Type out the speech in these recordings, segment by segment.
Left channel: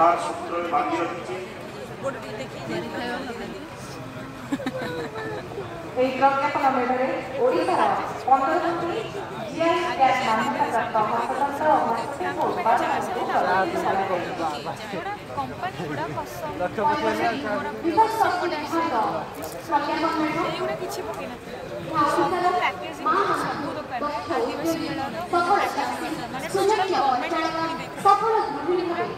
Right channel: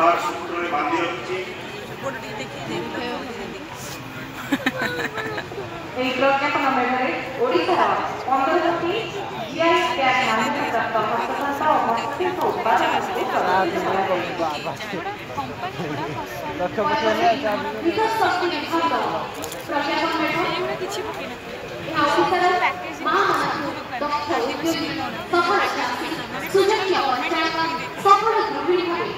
तार सूत्र में बांधी रखी प्रज्ञापन मेढ़ ओडार 15 कोटी जीआई टैग मान्यता प्राप्त हस्ततंत्र और हस्तशिल्प उत्पादन विकास शक्ति विभाग प्रज्ञापन मेढ़ सफल सुजक्य पंचायत सफल गृहिणी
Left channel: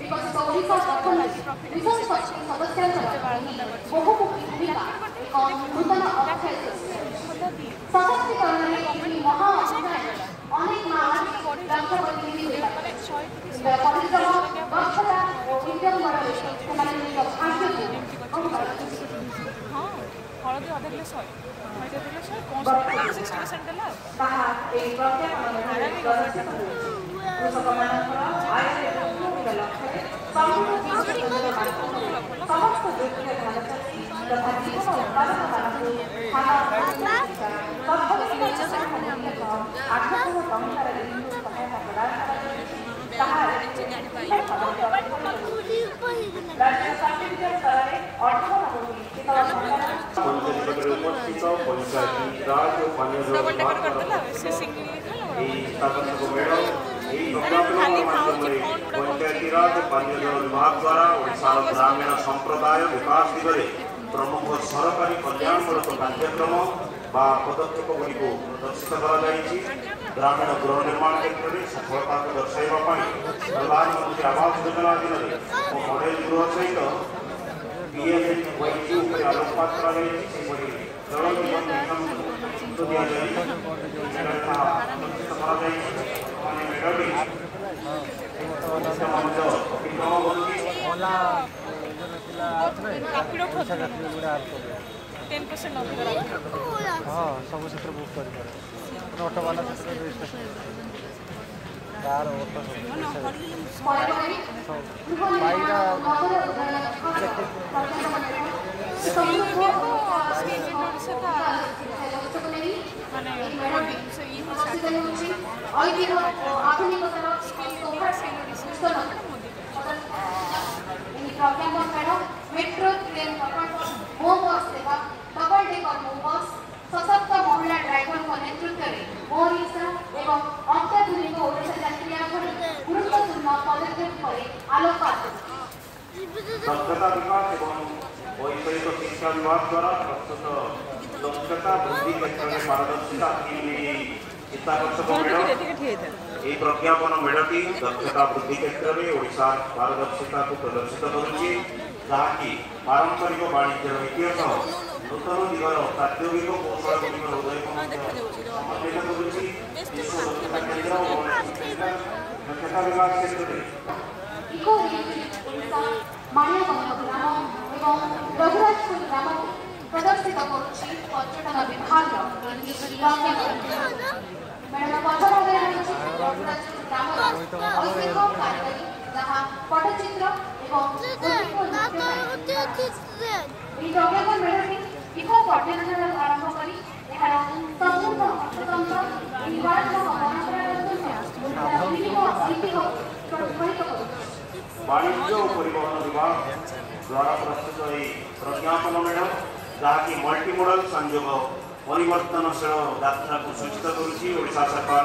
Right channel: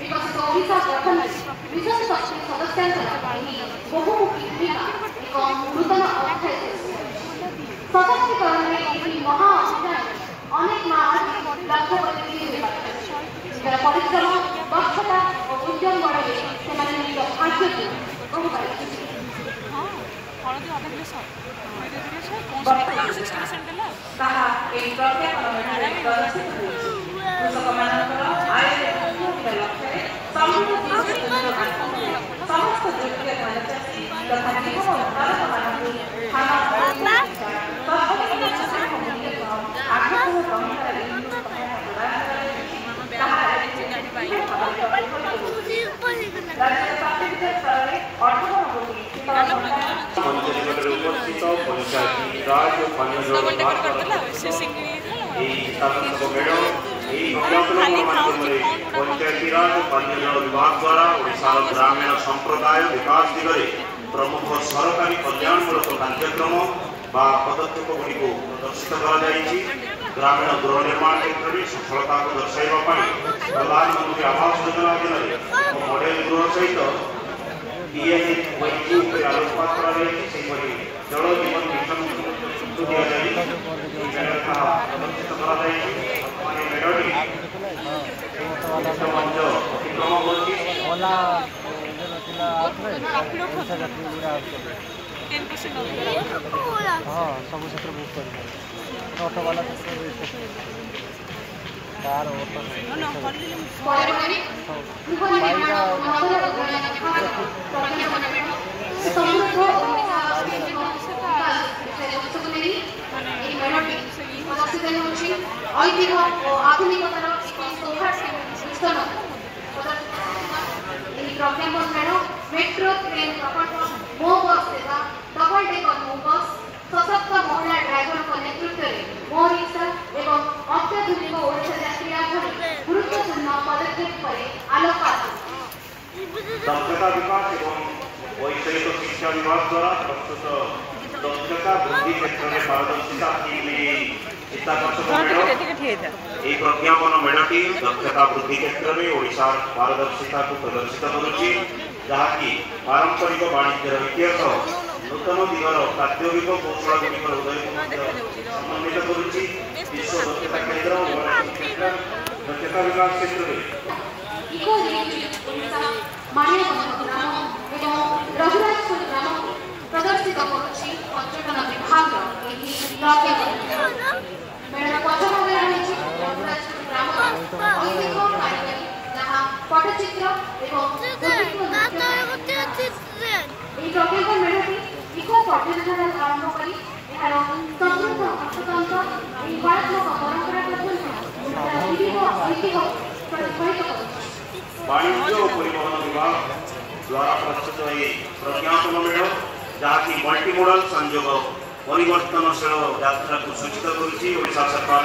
विकसित ओडिशा गठन विशेष शक्ति सदस्य बहुमुखी भूमिका एक नूतन अध्याय सशक्तिकरण महा अभियान अनेक लक्ष्य परिश्रम दक्षता और उद्यम बड़े भाग्य समस्त योग्य तथा जीवन उत्पादक पंचायतीराज पानीजल विभाग द्वारा ओडिशार ग्रामीण संप्रदाय विकास दिगरे प्रमुख सरकारी कल्याणमूलक कार्यक्रम बा पदक्षेप गुड़िक प्रदर्शित ग्रामीण गृह निर्माण क्षेत्र में सफलता को दर्शाइवा प्रधानमंत्री आवास योजना अधीन मॉडेल गृह सहित आलोकपात जल जीवन मिशन मेढ़ी मंच अतिक्रम सब क्षेत्र बुक कर ऑटो वाला क्षेत्र कार ऑटो मेट्रो ट्रेन प्रकल्प मो बस सेवा डबल डेकर मो बस सशक्त महिला ड्राइवर नेतृत्व में मो रिक्शा एवं अत्याधुनिक ओडिशा यात्रा भली गुरुत्वपूर्ण पदक्षेप पर आलोकपात दक्षता विकास एवं वैषयिक शिक्षा विभाग द्वारा प्रस्तुत दक्षता वृद्धि क्षेत्र में पारदर्शिता प्रज्ञापन मेढ़टी दक्षता वृद्धि क्षेत्र में ओडिशा पारदर्शिता को प्रदर्शित करुच्ची जहाँकि पारंपरिक वाणिज्य इतिहास नूतन दिगर प्राद्योगिक कौशल गुड़िक उदय समन्वित करुच्ची विश्व दक्षता केन्द्र दक्षता विकास क्षेत्र में प्रदर्शित करुच्ची पर्यटन विभाग पटचित्र इको पर्यटन आरंभ कर समृद्ध हस्ततंत्र वाणिज्य और परिवहन विभाग द्वारा प्रस्तुत प्रज्ञापन मेढ़ जहाँकि मल्टीमोडल संयोग परिवर्तनशील यात्रा को सूचित करुच्चा सरकार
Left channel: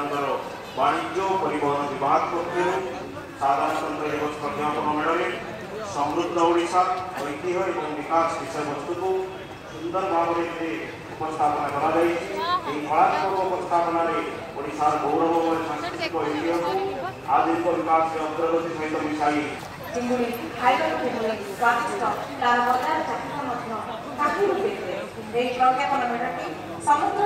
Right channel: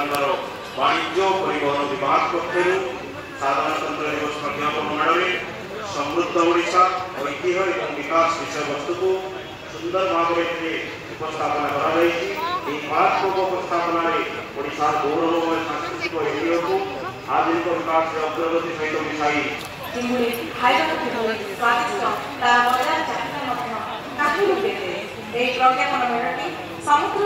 वाणिज्य और परिवहन विभाग पक्ष साधारणतंत्र दिवस प्रज्ञापन मेढ़ में समृद्ध ओडिशा ऐतिह्य और विकास विषय वस्तु को सुंदर भाव में उपस्थापन कलात्मक उपस्थापन ओडिशार गौरव और सांस्कृतिक ऐतिह्य को आधुनिक विकास अग्रगति सहित मिसाई चिंगुड़ी खाइबा स्वादिष्ट तार बजार चाहिदा प्रज्ञापन मेढ़टी समुद्र